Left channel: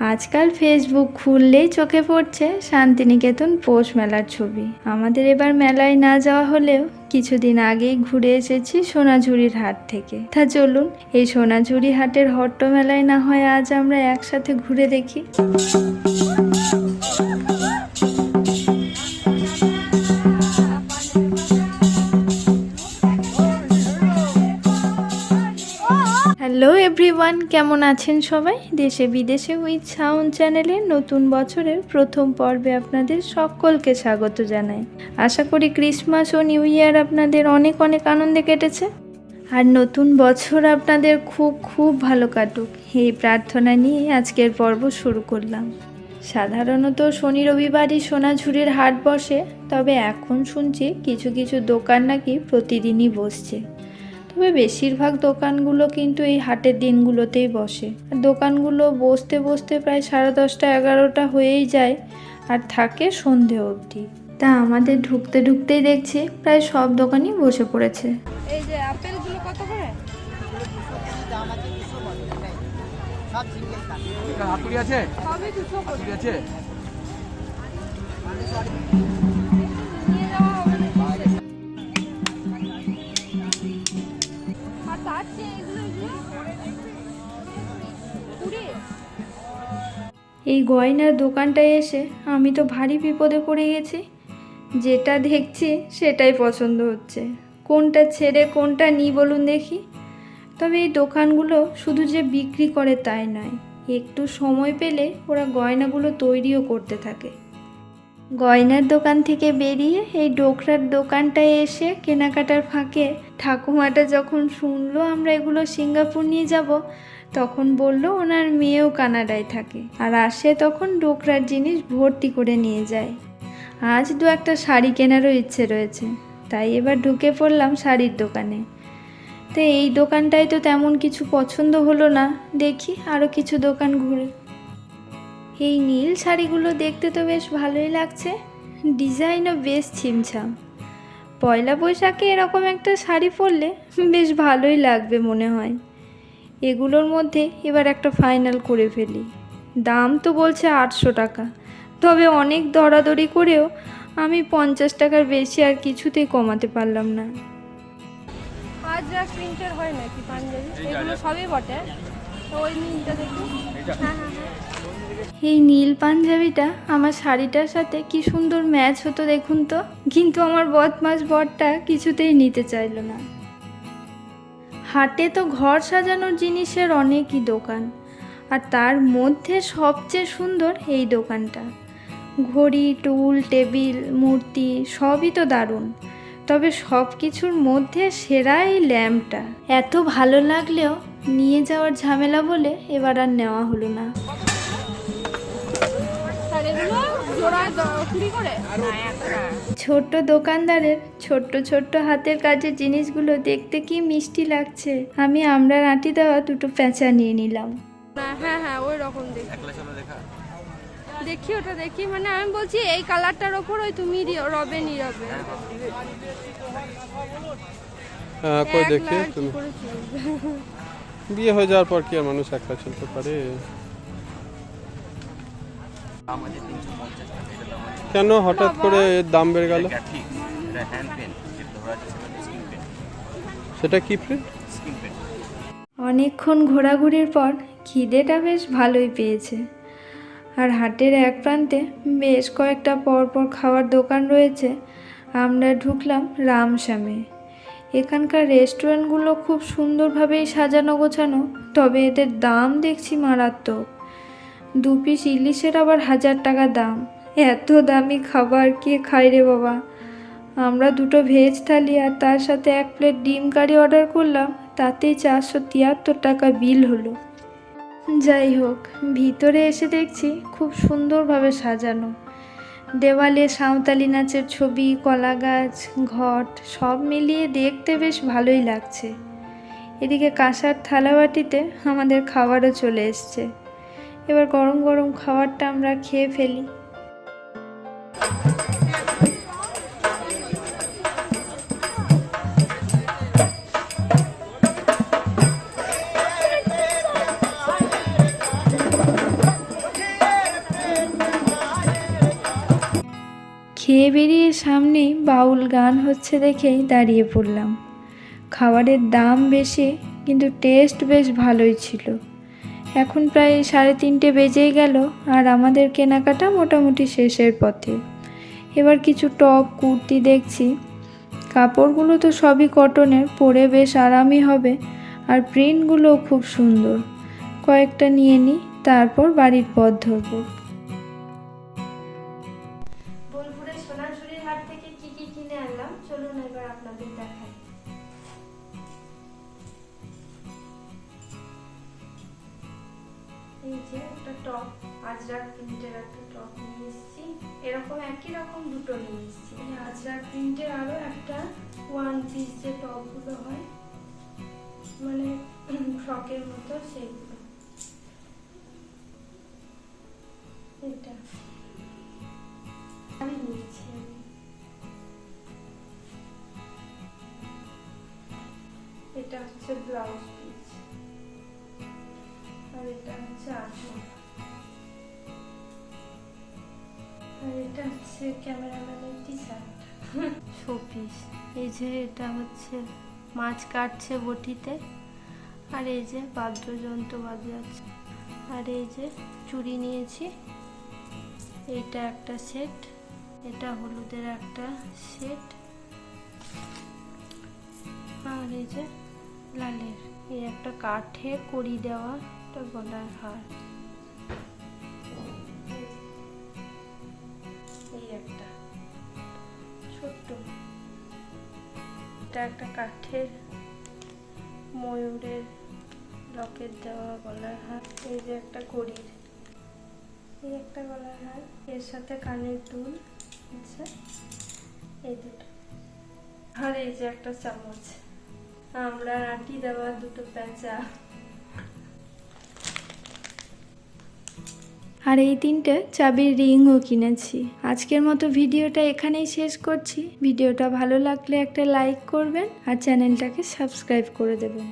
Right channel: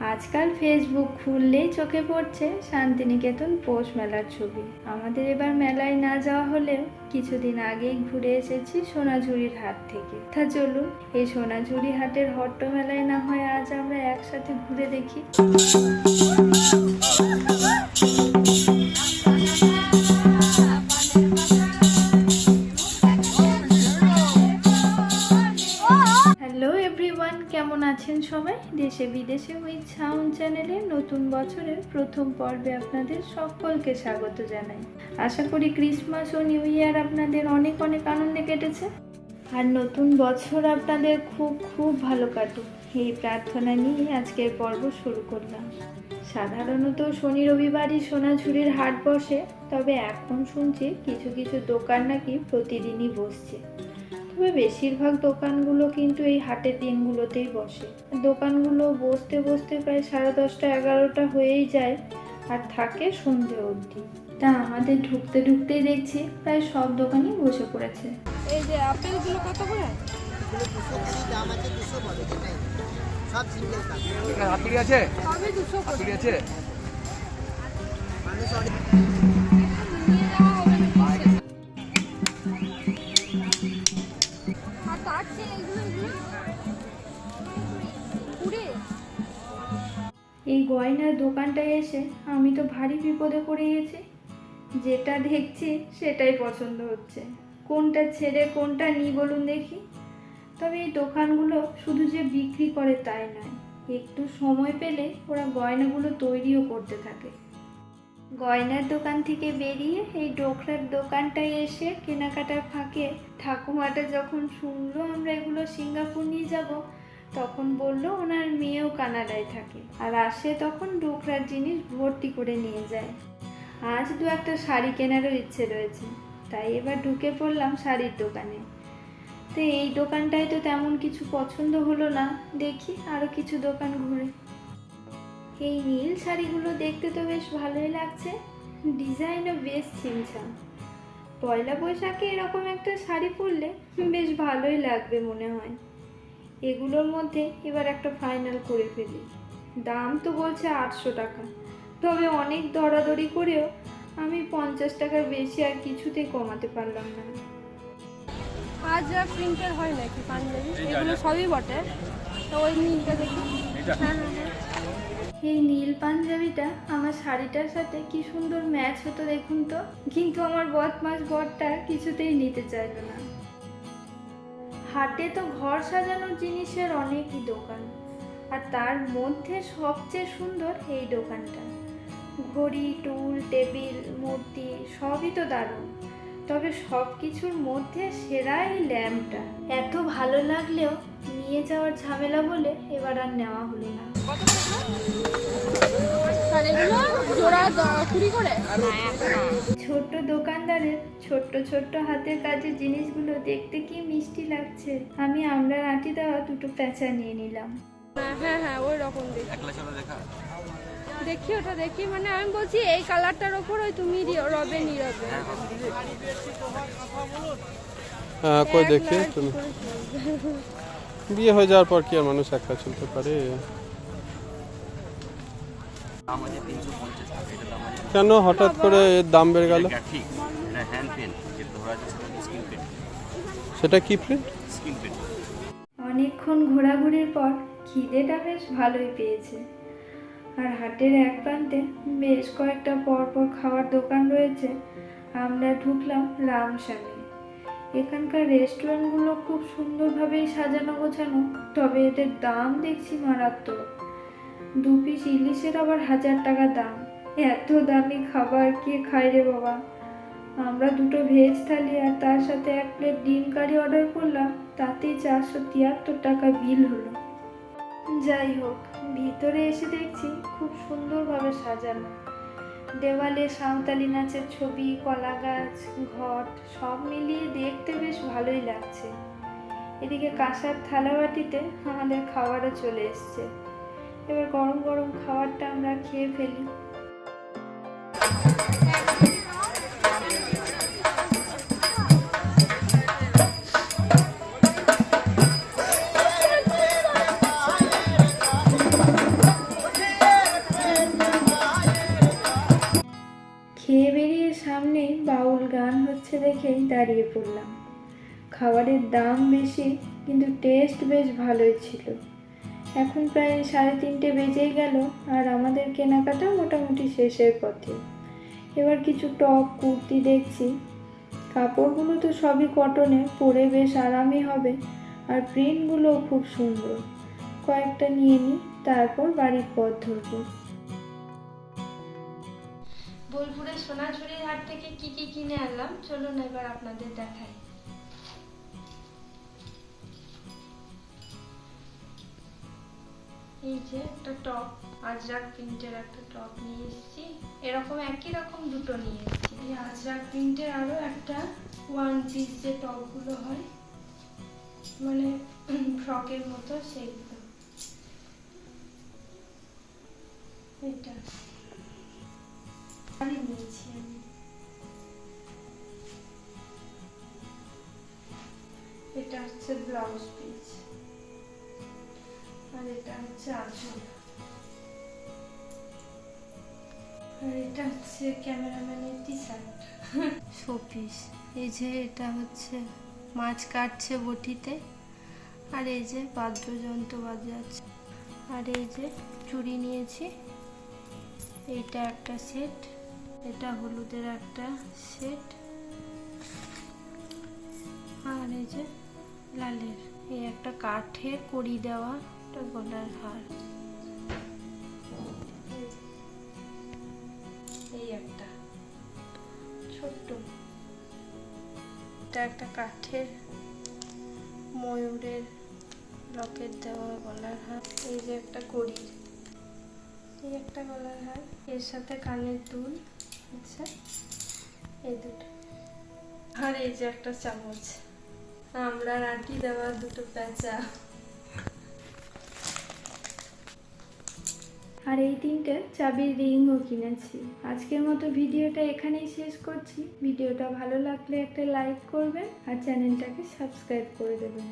আজকাল ফেসবুক খুললেই চোখে পড়ছে শান্তিনিকেতন পৌষ মেলার ছবি। আমাদের এবার মেলায় না যাওয়া হলেও কিছুদিন আগেই ঘুরে এসেছি সোনাঝুরির হাট থেকে। তা চলুন, এই সোনাঝুরি হাটের হট্ট মেলায় না হয় আজ আমরা একসাথে ঘুরে দেখি। কেমন আছেন সবাই? দেশে বিদেশে উইথ সাউন্ড চ্যানেলের নতুন বছরের প্রথম পর্বে আপনাদের সকলকে স্বাগত জানাই। আশা করি ক্রিসমাস ও নিউ ইয়ার আপনাদের অনেক অনেক আনন্দে কেটেছে। আর নতুন বছর আপনাদের খুব খুব ভালো কাটুক। এই প্রার্থনা নিয়ে আজকের পর্ব শুরু করলাম। সাধারণত শনি রবিবারই সোনাঝুরির হাট বসে, তবে এখন শুনছি কিছু কিছু দোকান নাকি প্রতিদিনই বসছে। তবে বেশিরভাগ দোকানগুলো কিন্তু এই হাটের দিনগুলোতেই বসে। দোকানগুলো বসতে বসতে প্রায় সাড়ে দশটা এগারোটা হয়েই যায় আর থাকে সন্ধে অবধি। তা আমাদের ঢুকতে ঢুকতেই দেখছি প্রায় সব দোকানই বসে পড়েছে। এই যে আপেলগুলো কত করে? আছে? সবই দুশো করে। ঠিক আছে। এই গয়নার দোকানটায় এসে আমি তো ভারী বিপদে পড়ে গেছি। যেটা দেখছি সেটাই পছন্দ হচ্ছে। কোনটা ছেড়ে কোনটা নিই বলুন দেখি। তবে এই দোকানগুলো শুধু যে বিক্রি করে তাই নয়, একটু সময় পেলে ওরা গয়নাগুলো তৈরিও করতে থাকে। গয়নার দোকান থেকে বেরিয়ে এই ডোকরার দোকানটায় এসে কেনাকাটার ফাঁকে ঠাকুমাটা যখন শুনলো আমরা এগুলো সিঙ্গাপুর নিয়ে যাব তখন বলল, ওনার মেয়েও কানাডায় থাকে। আর আসে তখন ডোকরার জিনিস ভর্তি করে নিয়ে যায়। আজ দু একটা শাড়ি কেনারও ইচ্ছে রয়েছে। তাই এবার ঢুকে পড়লাম শাড়ির দোকানে। তো এই দোকানটায় তো তেমন কিছু পছন্দ হলো না। দেখি আরও কিছু দোকান ঘুরে। এই নীল শাড়িগুলো দেখতে তো বেশ ভালোই লাগছে। ডিজাইনও বেশ ছিমছাম। পয়লা বৈশাখে এরকম একটা শাড়ি পরলে বেশ ভালোই লাগবে মনে হয়। এগুলোর মধ্যে এবার একটা ফাইনাল করে ফেলি। দাম তো বলছে আটশো টাকা। তবে অনেক দরাদরি করেও আমি পঞ্চাশ টাকার বেশি আর কিছুতেই কমাতে পারলাম না। আর যা প্রিন্টের হয় নাকি পাঞ্জাবি? এই এগুলো সবই বটে। ওই নীলটা দেখি। হ্যাঁ হ্যাঁ হ্যাঁ। এই নীল পাঞ্জাবিটা আমার শাড়িটার সাথে কি সুন্দর ম্যাচ হতো দেখুন তো। কিন্তু আমার বদমাস বরটা কিছুতেই নিতে চাইলো না। হাটে তো ঘর সাজানোর জিনিসের অনেকই দোকান, আর তার মধ্যে সবচেয়ে সুন্দর এই দোকানটা। ঘড়ি, টুল, টেবিল, মূর্তি সবই তো দারুণ, তবে সব কিছুর মধ্যে সেরা এই ল্যাম্পটা। এত ভালো লাগলেও নিয়ে যাওয়ার ঝামেলা বলে এবার আর নেওয়া হলো না। ছোট্ট দোকানদারের ছোট্ট ছোট্ট হাতের কাজের জিনিসগুলো দেখতে কি মিষ্টি লাগছে। আমি আমরা আঁটি দেওয়া দুটো প্যাঁচা নিয়ে নিলাম। হ্যাঁ হ্যাঁ ওই রকম দেখি। ওটা দেখি। মানে আমি বলছি এই কালারটার ওপর ওই তুমি রি- রবে নীরবে হ্যাঁ কই দেখি তুমি। বিয়ে হয়ে যাওয়ার পর কি আর মানুষ একলা চলতে পারে? আছে তিনশো পঞ্চাশ টাকা। কেন হঠাৎ করে এর দাম বেড়ে গেল? সেটা কি প্রিন্ট অনেকক্ষণ ঘোরাঘুরির পর খিদেটা বেশ ভালোই পেয়েছে। আর হাটের এক প্রান্তে বেশ কয়েকটা পরপর খাওয়ার দোকান রয়েছে। আমরা ঢুকলাম রামশ্যামে এখানকার রেস্টুরেন্টগুলো খুব সুন্দরভাবেই সাজানো গোছানো তবে এদের দাম দেখছি মারাত্মক। দু পিস ইলিশের আবার হাজার টাকা দাম। এত দামি খাবার কে খায় রে বাবা? আমরা দুটো ভেজ থালি আর তার সাথে এক প্লেট ডিম কারি অর্ডার করলাম, তাতেই চারশো তিয়াত্তর টাকা বিল হলো। যাই হোক, ভিতরে এসে দেখছি খুব সুন্দরভাবে সাজানো। দেওয়ালে সাঁওতালি নাচের ছবি কলা গাছ ঘট, সব মিলিয়ে দেখতে বেশ ভালোই লাগছে। এদিকে কাঁসার থালাবাটিতে আমাদের খাবারও চলে এসছে। এবার গরম গরম খাবারটা আমরা খেয়ে ফেলি। হচ্ছে দেখেই দাঁড়িয়ে পড়লাম। খাবারের দাম বেশি, কিন্তু টেস্ট বেশ ভালোই ছিল। এখন প্রায় সাড়ে তিনটে বেজেই গেল আর আমাদের কেনাকাটা মোটামুটি শেষের পথে। এবার কিছু টপ, কুর্তি দেখছি। কাপড়গুলো তো সবই কটনের, পরে বেশ আরামই হবে। আর প্রিন্টগুলোও খুব সুন্দর। কয়েকটা নিয়ে নিই তারপর বাড়ির পথ ধরবো। সোনাঝুরির হাট থেকে কি কি কিনে আনলাম? চলুন এবার আপনাদের দেখাই। এই যে একটা টপ, আজরাক প্রিন্টের একটা টপ নিয়ে এসেছি। এরকম একই রকম দুটো নিয়ে এসেছি। এই আজরাক প্রিন্টের আরও একটা ওয়ান পিস যে টপগুলো হয় মানে ফ্রকের মতো সেইগুলো। এটা। ব্লাউজ পিস আর এটা হচ্ছে আঁচল এটা ক্যামেরাম্যানের শোপিস, এই যে এটা হচ্ছে, মাছ কাটছে বটিতে, আর এই যে বাদ্যযন্ত্র বাজাচ্ছে। আর এই যে চুড়ি নিয়েছি এইটা একটা সেট, এটা হলুদের একটা সেট। আর এই যে লালের এই একটা কাঠে কড়ি দেওয়া একটা গলার হার। এই একটা, ছোট্ট। এটা একটা কাঠের ময়ূরের লকেট দেওয়া গলার হার। এই যে একটা কড়ির, এই একটা গলার হার। এর সাথে কানের দুল আচ্ছা এই দুটো। আর এই যে একটা চামচ। আমরা আটি দেওয়া দুটো প্যাঁচা। আর এই তিনটে চাবির রিংও কিনেছি। আজকের মতো ভিডিওটা এখানেই শেষ করছি। ভিডিওটা ভালো লাগলে একটা লাইক করবেন আর চ্যানেলটাকে সাবস্ক্রাইব করে দেবেন।